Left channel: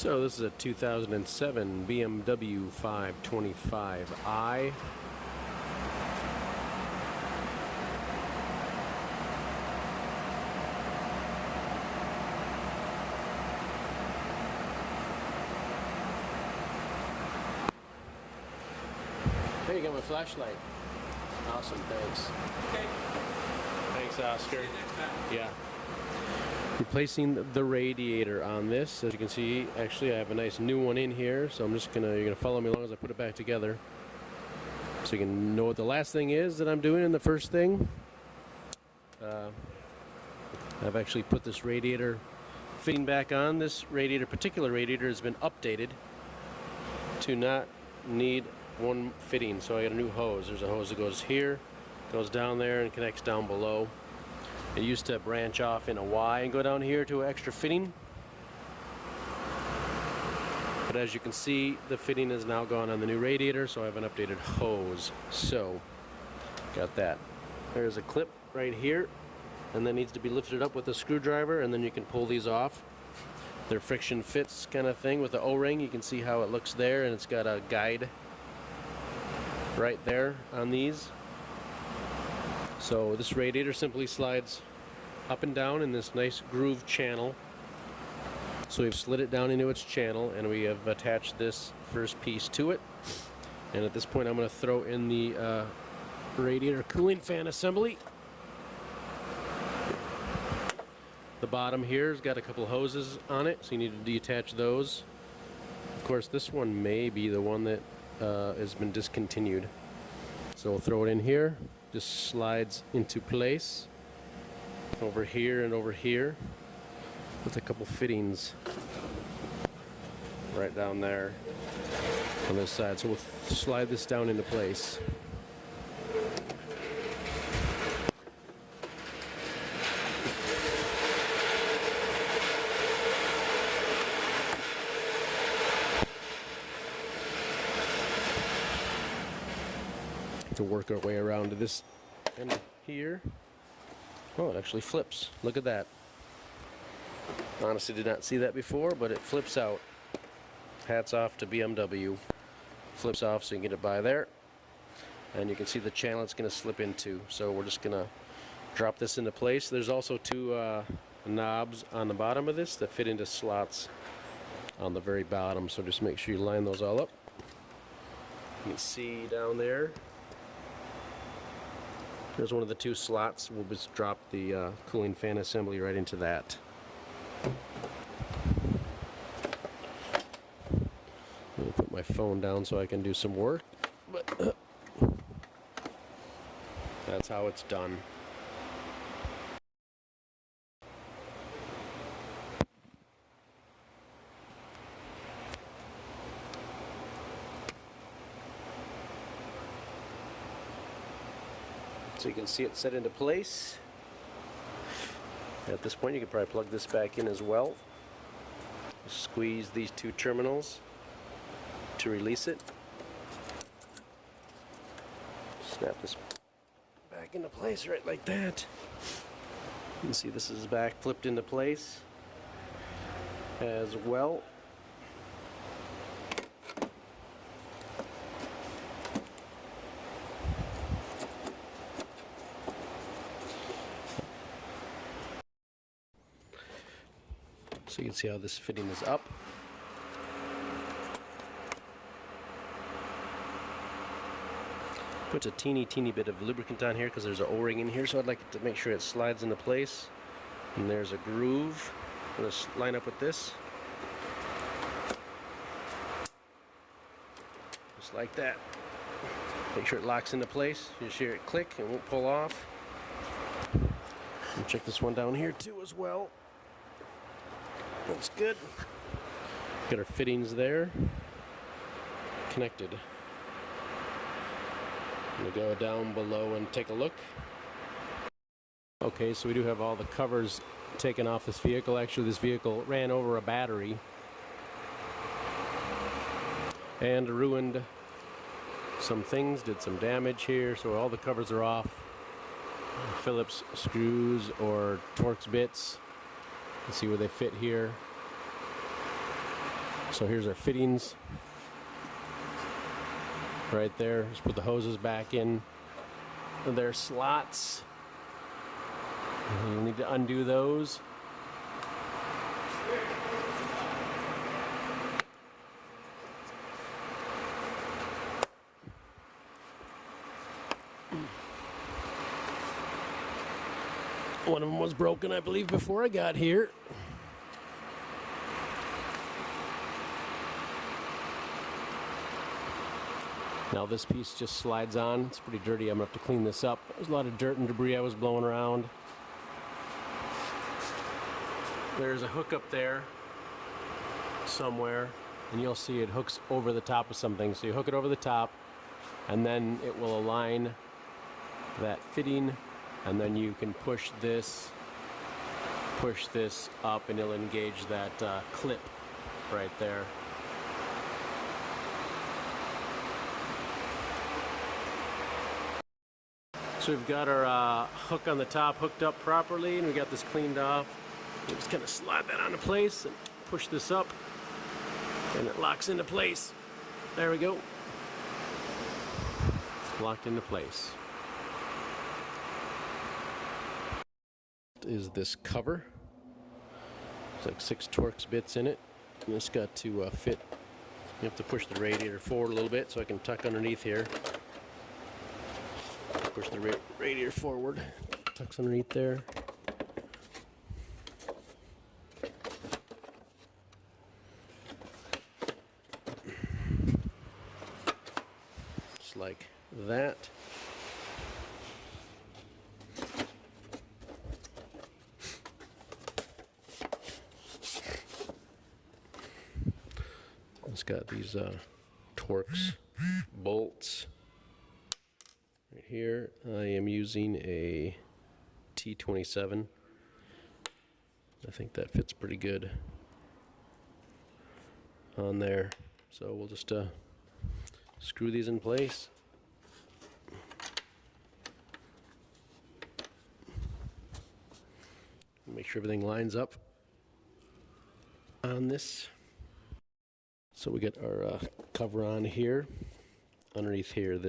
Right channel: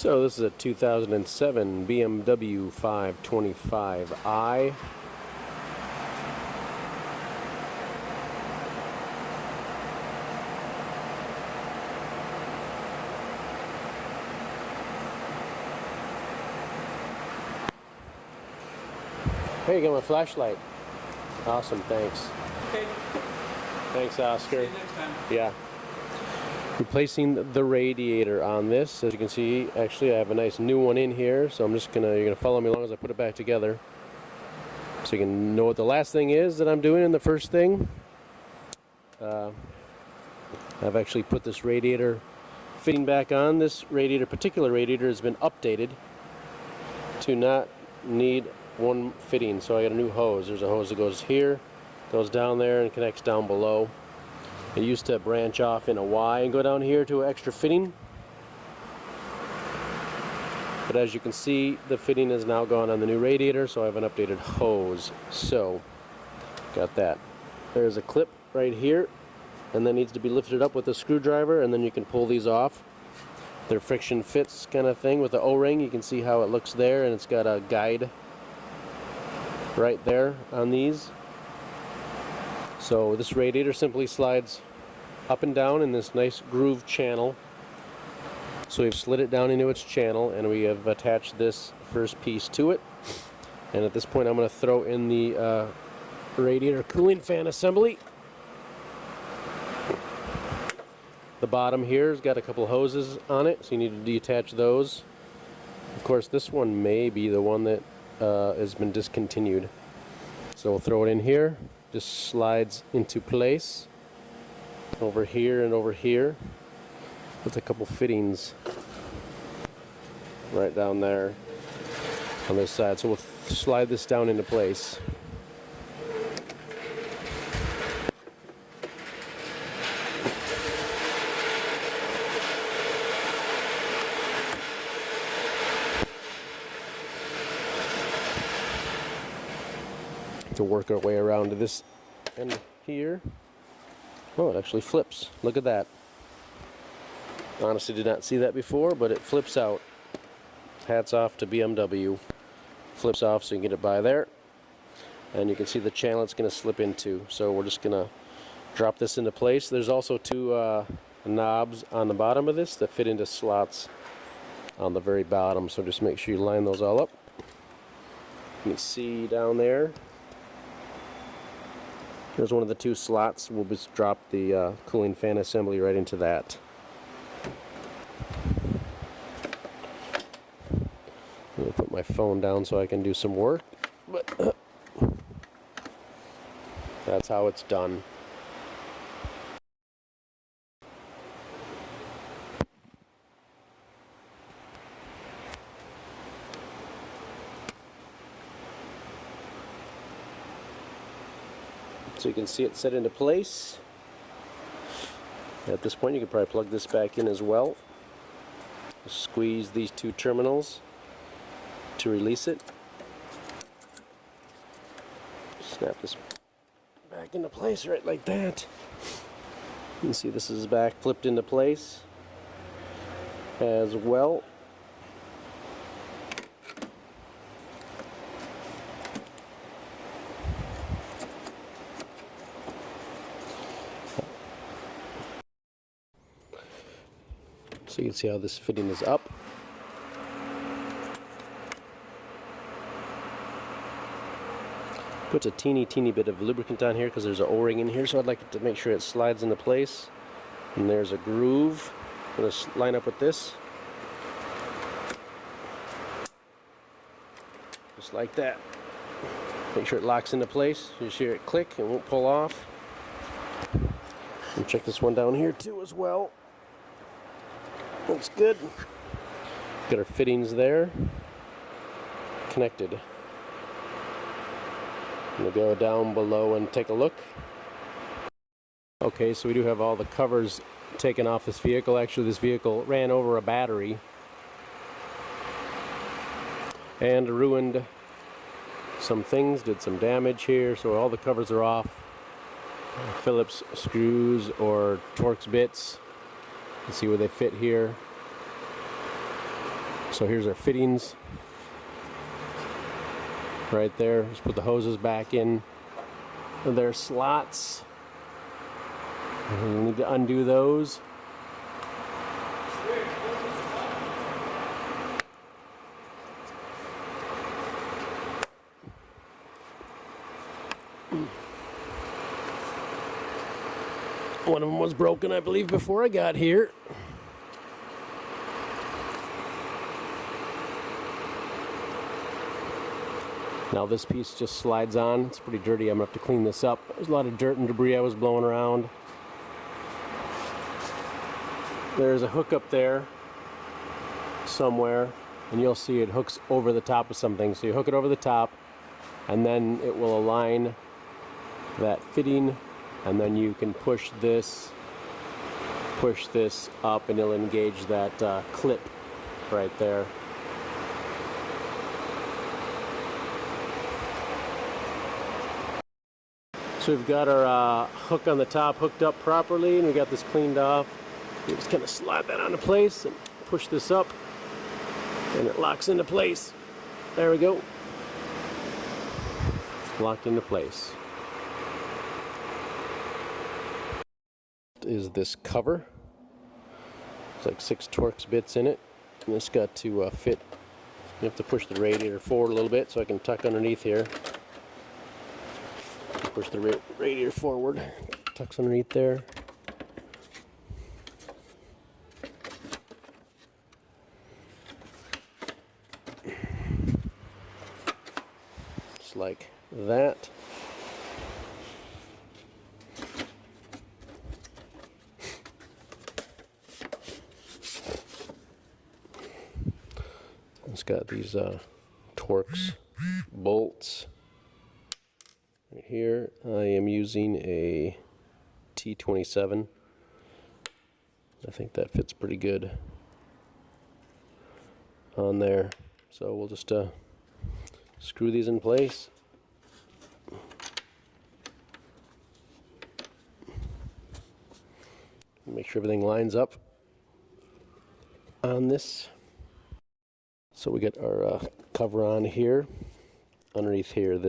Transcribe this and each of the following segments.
So this is a 2007 BMW 525i. Hey, you got my flashlight. Awesome, thanks. Okay. Thanks, Oscar. See you next time. Yeah. Replacing the radiator on this. As you can see, actually I have a nice new one in here, so you're gonna follow me along as I put it back together, so you can know what the last thing is that I'm doing and the first thing. I've actually put this radiator fitting back on. This particular radiator has been updated to not need one fitting, so I got a new hose. There's a hose that goes here, goes down there, and connects down below. It used to branch off in a Y and go down here to an extra fitting, but as you can see, the fitting is now gone on the new radiator, so I have an updated hose. So got that. There's a clip right here, and that needs to be lifted up with a screwdriver, and then you can pull these off. They're friction fits kind of thing with the O-ring. You can see how it looks there, and it's got a guide right there on these. So this radiator simply slides up and down in this nice groove channel. So we've slid it down into its channel, and we have attached this first piece to it. And at this point I'm going to throw in the radiator cooling fan assembly. The bottom here has got a couple hoses on it, so you need to detach those. Of course, this one may be the one that has been discontinued. So we'll throw it in here. Just slides into place over here and over here with a couple fittings right down there on this side. So we'll slide this down into place. To work our way around to this end here. Oh, it actually flips. Look at that. Honestly, did not see that before, but it flips out. Hats off to BMW. Flips off so you can get it by there. And you can see the channel it's going to slip into. So we're just going to drop this into place. There's also two knobs on the bottom of this that fit into slots on the very bottom. So just make sure you line those all up. You can see down there. There's one of the two slots. We'll just drop the cooling fan assembly right into that. I'm going to put my phone down so I can do some work, but that's how it's done. So you can see it set into place. At this point you can probably plug this back in as well. Squeeze these two terminals to release it. Snap this back into place right like that. You can see this is back flipped into place as well. So you can see how this fitting is up. Puts a teeny bit of lubricant on here because there's an O-ring in here, so I'd like to make sure it slides into place. And there's a groove. I'm going to line up with this. Just like that. Make sure it locks into place. You hear it click, it won't pull off. And check this one down here too as well. Looks good. Got our fittings there connected. I'm going to go down below and take a look. Okay, so we do have all the covers taken off this vehicle. Actually, this vehicle ran over a battery and ruined some things, did some damage here, so all the covers are off. Phillips screws or Torx bits. You can see where they fit here. So here's our fittings right there. Just put the hoses back in their slots. We need to undo those. One of them was broken, I believe, before I got here. Now this piece just slides on. It's pretty dirty. I'm going to have to clean this up. There's a lot of dirt and debris I was blowing around. There's a hook up there somewhere, and you'll see it hooks over the top of something. So you hook it over the top, and then it will align that fitting, and then you can push this up, and it'll engage that clip right there. So we've got our hook on the top hooked up properly, and we got this cleaned off. You just kind of slide that onto place and push this up, and it locks into place. There we go. Locked into place. Is this cover. It's like 6 Torx bits in it, and it's got to fit. You have to push the radiator forward a little bit so I can tuck underneath here. Push the radiator forward, tucks underneath there. Just like that. It's got these Torx bolts. Here I am using a T27. I think that fits pretty good on there. So we'll just screw these in place. Make sure everything lines up on this. So we get our cover on here. Underneath here,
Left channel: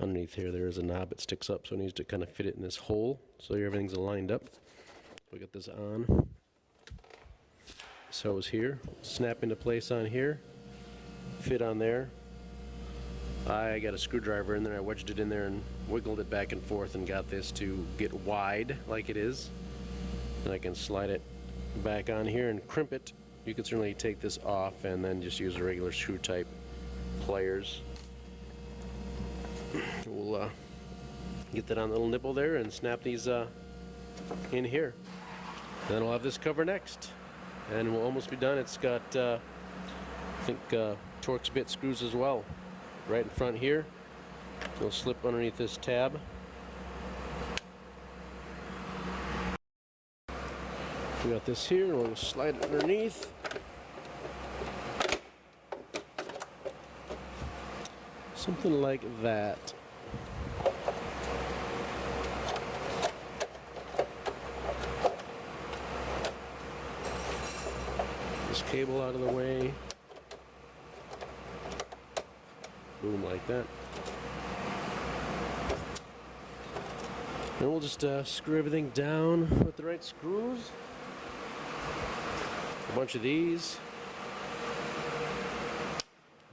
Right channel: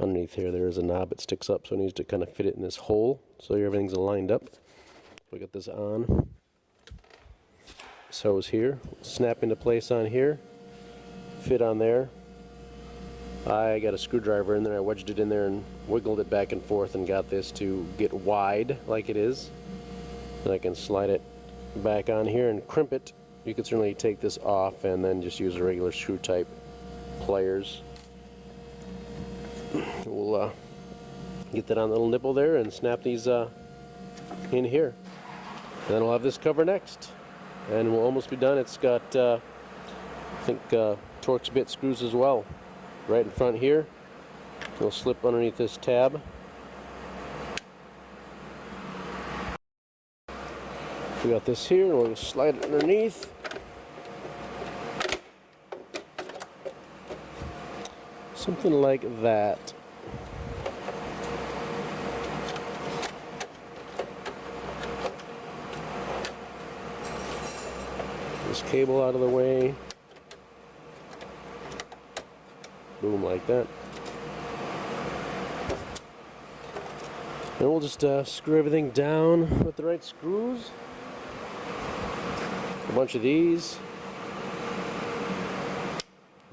underneath here, there is a knob that sticks up, so it needs to kind of fit it in this hole so everything's lined up. We got this on. So is here. Snap into place on here. Fit on there. I got a screwdriver in there. I wedged it in there and wiggled it back and forth and got this to get wide like it is. And I can slide it back on here and crimp it. You can certainly take this off and then just use a regular screw type pliers. We'll get that on the little nipple there and snap these in here. Then we'll have this cover next, and we'll almost be done. It's got I think Torx bit screws as well right in front here. It'll slip underneath this tab. We got this here, and we'll slide it underneath. Something like that. This cable out of the way. Boom, like that. And we'll just screw everything down with the right screws. A bunch of these.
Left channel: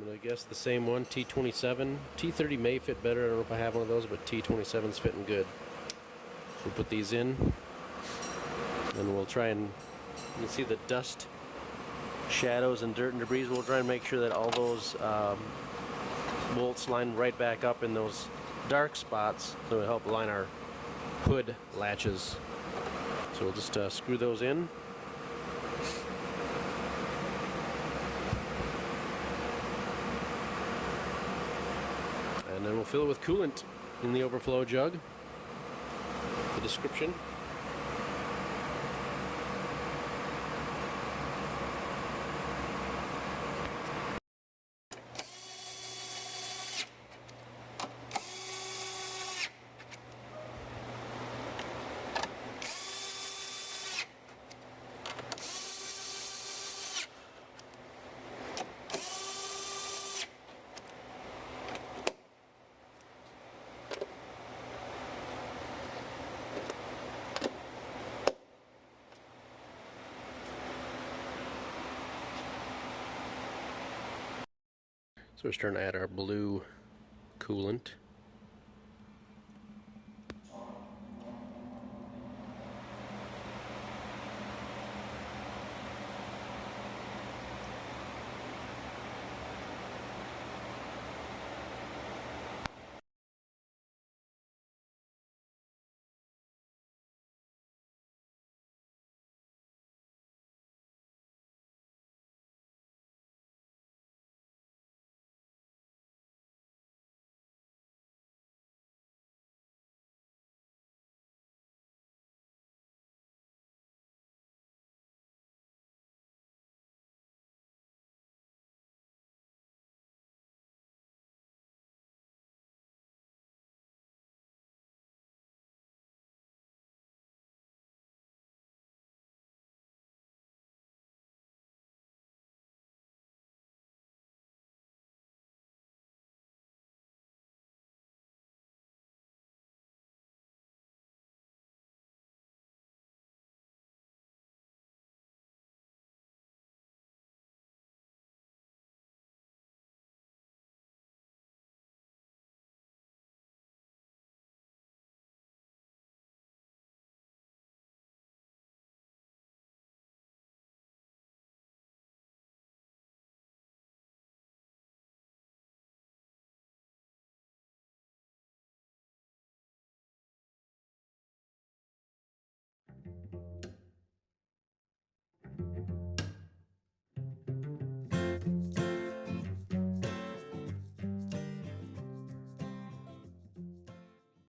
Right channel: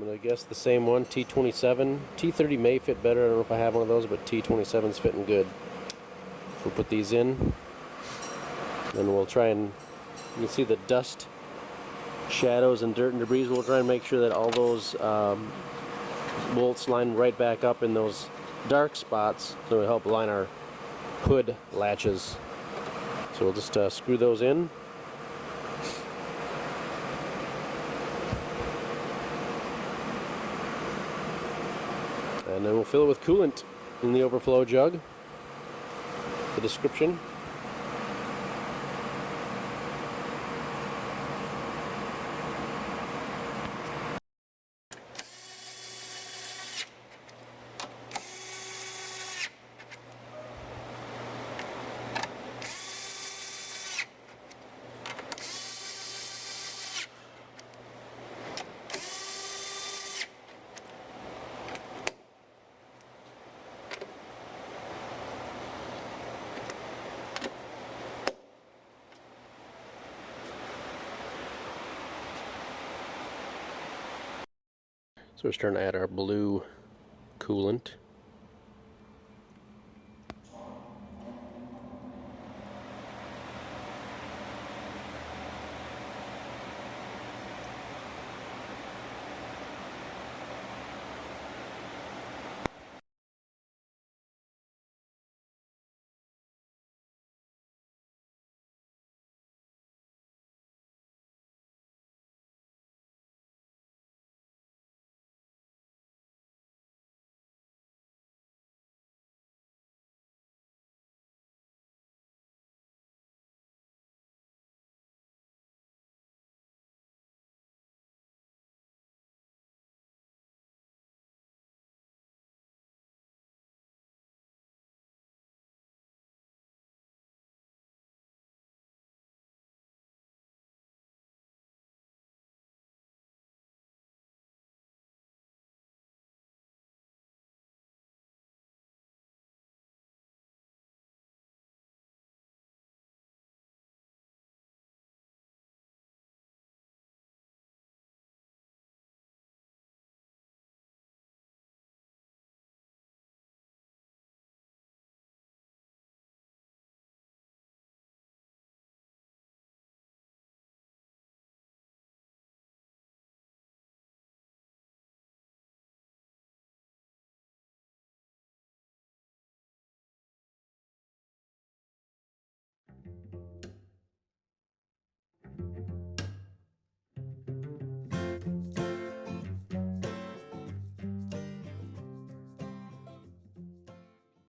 I guess the same one, T27. T30 may fit better. I don't know if I have one of those, but T27's fitting good. We'll put these in, and we'll try and, you can see the dust, shadows, and dirt and debris. We'll try and make sure that all those bolts line right back up in those dark spots, so it'll help line our hood latches. So we'll just screw those in. And then we'll fill it with coolant in the overflow jug. The description. So we're starting to add our blue coolant.